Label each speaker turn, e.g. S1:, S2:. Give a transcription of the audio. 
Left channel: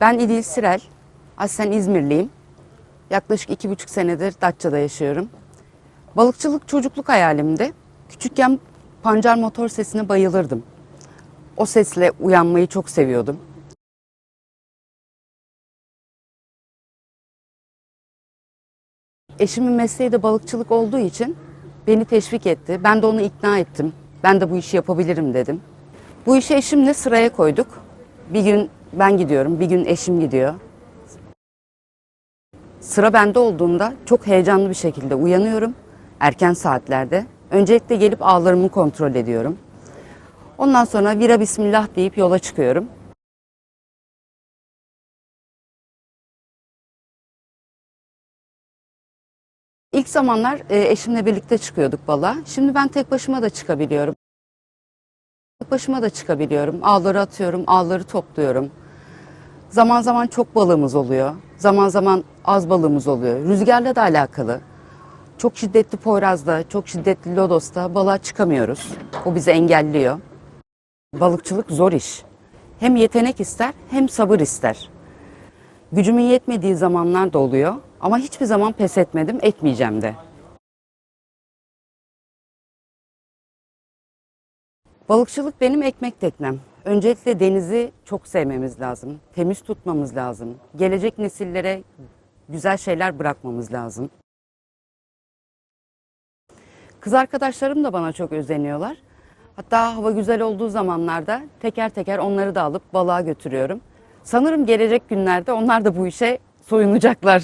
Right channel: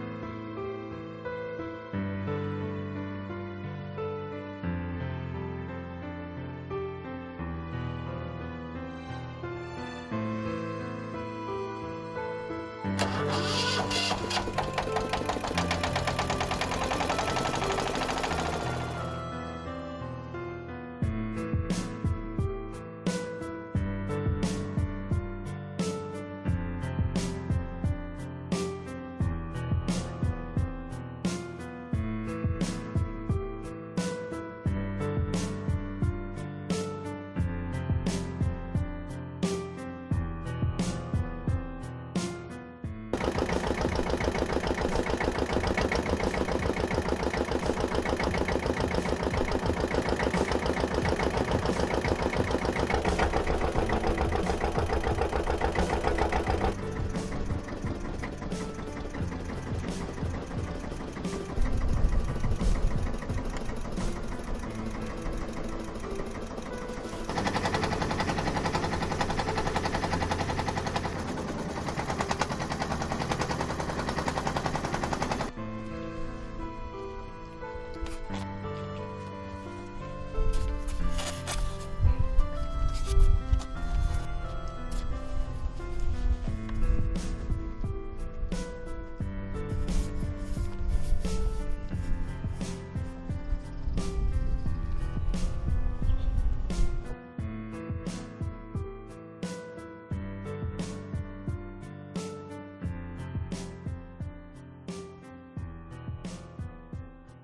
S1: Ben İdil Sirel, aslen İzmirliyim. Yaklaşık iki buçuk senedir Datça'da yaşıyorum. Balıkçılık çocukluk hayalimdi. Küçükken pancar motor sesine bayılırdım. O sesle uyanmayı çok seviyordum. Eşimin mesleği de balıkçılık olduğu için beni teşvik etti. Ben de onu ikna ettim. Ben de bu işi yapabilirim dedim. Bu işi eşimle sıraya koyduk. Bir gün ben gidiyorum, bir gün eşim gidiyor. Sıra bende olduğunda çok heyecanlı bir şekilde uyanıyorum. Erken saatlerde. Öncelikle gelip ağlarımı kontrol ediyorum. Ondan sonra vira bismillah deyip yola çıkıyorum. İlk zamanlar e, eşimle birlikte çıkıyorduk balığa. Şimdi ben tek başıma da çıkabiliyorum. Tek başıma da çıkabiliyorum. Ağları atıyorum, ağları topluyorum. Zaman zaman çok balığımız oluyor. Zaman zaman az balığımız oluyor. Rüzgarla da alakalı. Çok şiddetli Poyraz'da, çok şiddetli Lodos'ta balığa çıkamıyoruz. O bizi engelliyor. Balıkçılık zor iş. Hem yetenek ister hem sabır ister. Gücümün yetmediği zamanlar da oluyor ama hiçbir zaman pes etmedim, etmeyeceğim de. Balıkçılık benim ekmek teknem. Öncelikle denizi çok sevmemiz lazım. Temiz tutmamız lazım. Gelecek nesillere güzel şeyler bırakmamız lazım. Kız arkadaşlarım da bana çok özeniyorlar. Hatta hava güzel olduğu zamanlarda teker teker onları da alıp balığa götürüyorum. Sanırım gelecek günlerde onlar da bu işe soyunacaklar.